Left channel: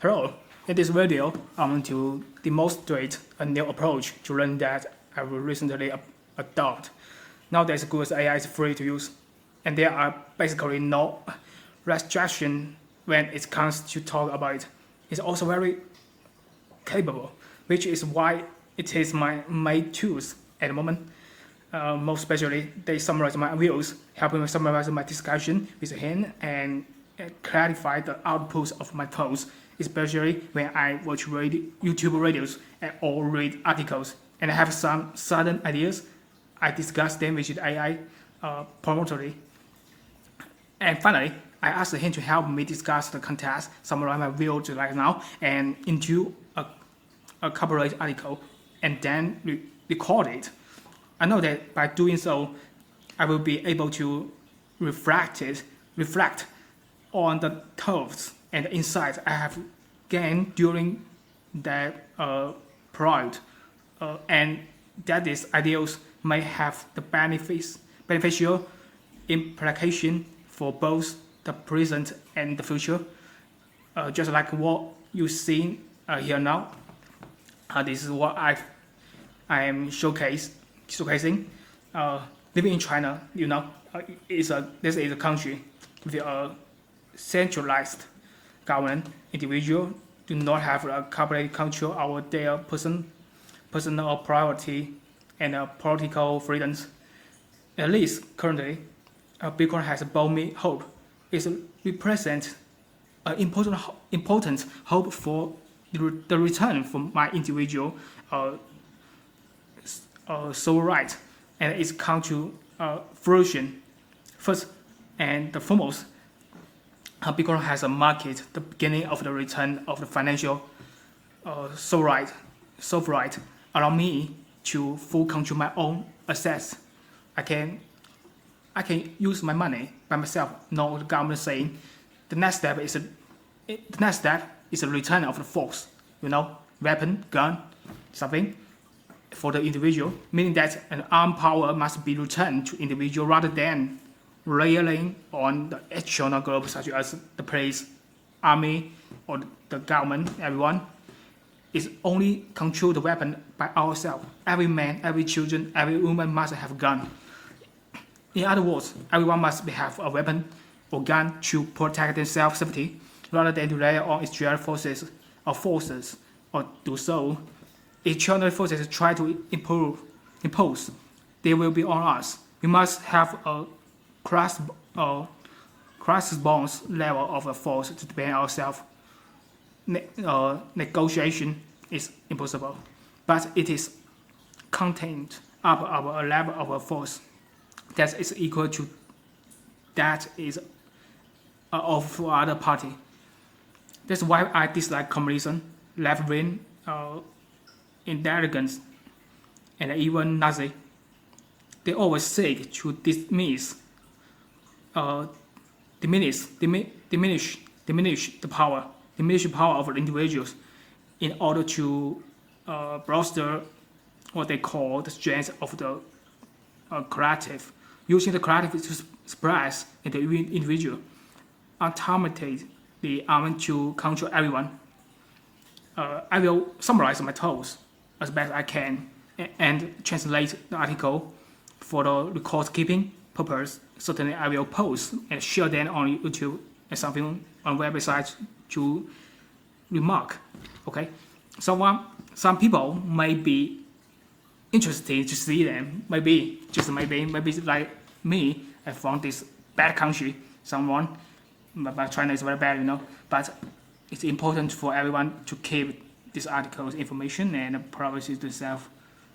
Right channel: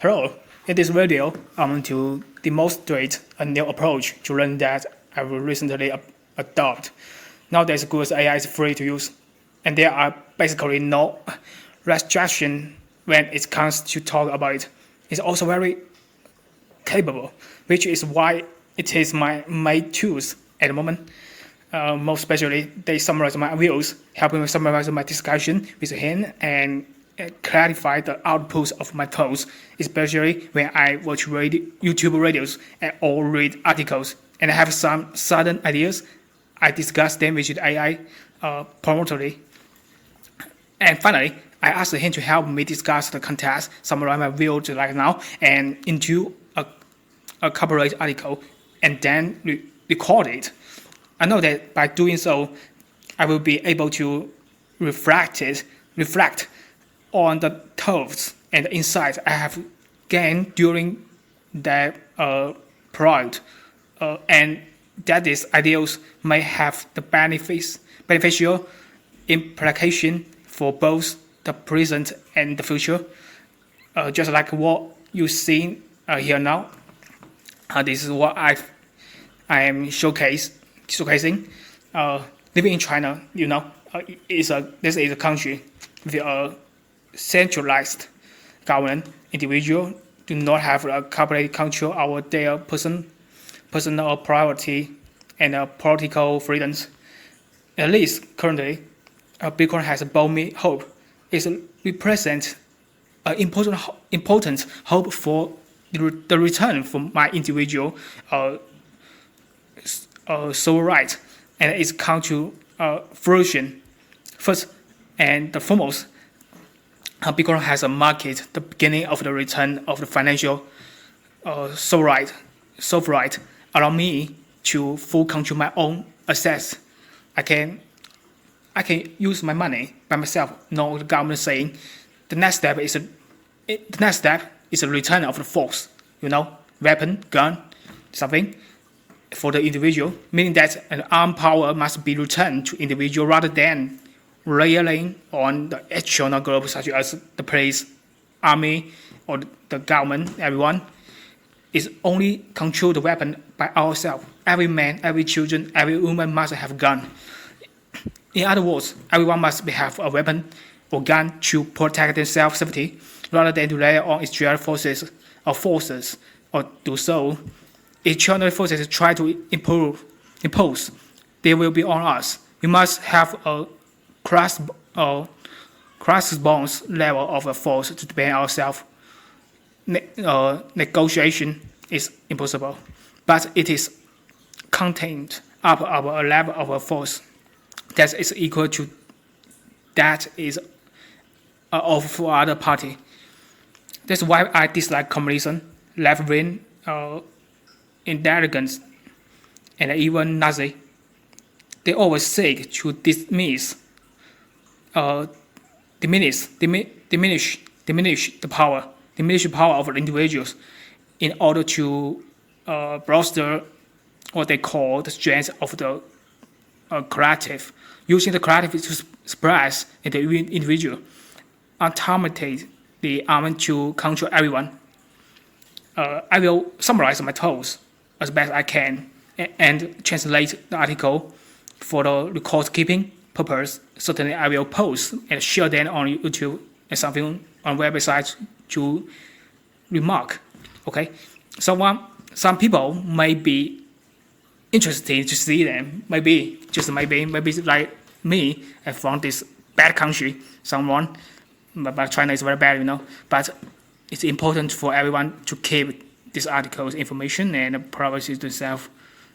Hello, in this video, I'm going to demonstrate a new approach to learn that I will recently adopt. Nowadays, Google's AI is free to use, and there are basically no restriction when it comes to talk about it. It's also very capable, which is why it is my main tools at the moment. Most especially, they summarize my views, helping me summarize my discussion with him and clarify the outputs of my thoughts, especially when I watch YouTube videos or read articles and I have some sudden ideas. I discuss them with the AI promptly. And finally, I asked him to help me discuss the context, summarize my views right now, and into a corporate article, and then record it. I know that by doing so, I will be able to reflect on the thoughts and insights I have gained during that project, and that these ideas may have the beneficial implication for both the present and the future. Just like what you see here now, this is what I am showcasing. Living in China, this is a country with a centralized government. Individuals do not have a complete control over their personal priority and political freedoms. At least currently, Bitcoin has brought me hope. It represents an important hope for the return from my individual soul right, and it's come to fruition. First and the foremost, Bitcoin has a market the beginning of the return of the financial soul right, allow me to full control my own assets. I can use my money by myself. No, the government saying the next step is a return of the force. Weapon, gun, something for the individual, meaning that an armed power must be returned to individual rather than relying on the external group such as the police, army, or the government. Everyone is only control the weapon by ourselves. Every man, every children, every woman must have a gun. In other words, everyone must have a weapon or gun to protect their self-safety rather than to rely on external forces or do so. External forces try to impose, they will be on us. We must have a cross-bonds level of a force to defend ourselves. Negotiation is impossible, but it is contained up our level of a force that is equal to that is of other party. That's why I dislike communism, left-wing intelligence, and even Nazi. They always seek to diminish the power of individuals in order to bolster what they call the strength of the collective, using the collective to express in the individual, ultimately the arm to control everyone. I will summarize my thoughts as best I can and translate the article for the record keeping purpose. Certainly, I will post and share them on YouTube and something on websites to remark. Okay, so some people may be interested to see them. Maybe like me, I found this bad country. But China is very bad, But it's important for everyone to keep this article's information and privacy to self.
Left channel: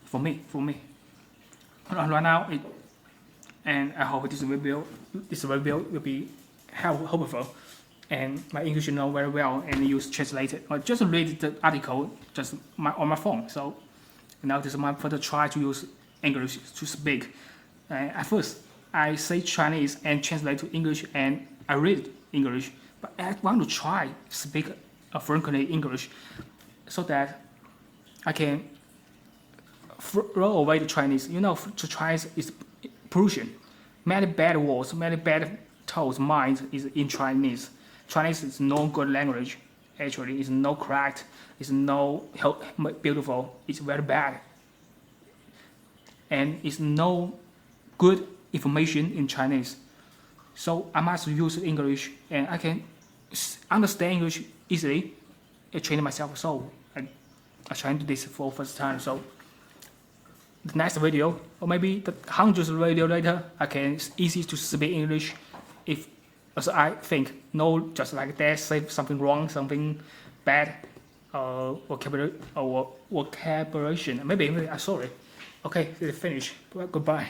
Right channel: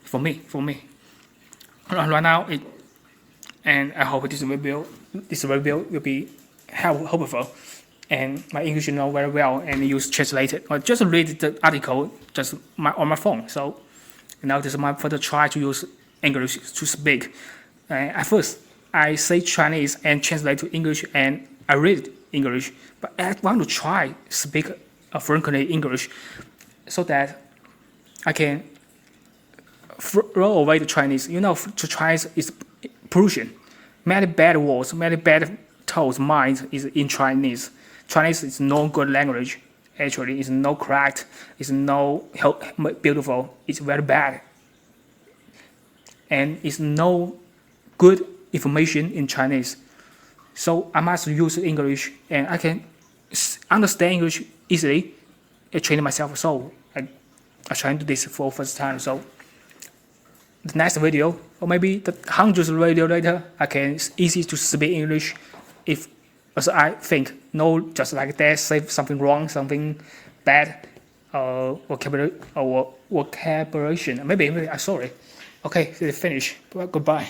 For me. Right now, and I hope this review will be helpful. And my English know very well and use translated. Or just read the article on my phone. So now this is my further try to use English to speak. At first, I say Chinese and translate to English, and I read English. But I want to try speak frankly English, so that I can throw away the Chinese. To Chinese is pollution. Many bad words, many bad thoughts, minds is in Chinese. Chinese is no good language. actually it's no correct, it's no beautiful, it's very bad, and it's no good information in Chinese. So I must use English, and I can understand English easily. I train myself, so I try to do this for first time. So the next video, or maybe the hundreds of video later, I can easy to speak English. If as I think, no, just like that, say something wrong, something bad, vocabulary or vocabulation. Maybe sorry. Okay, finish. Goodbye.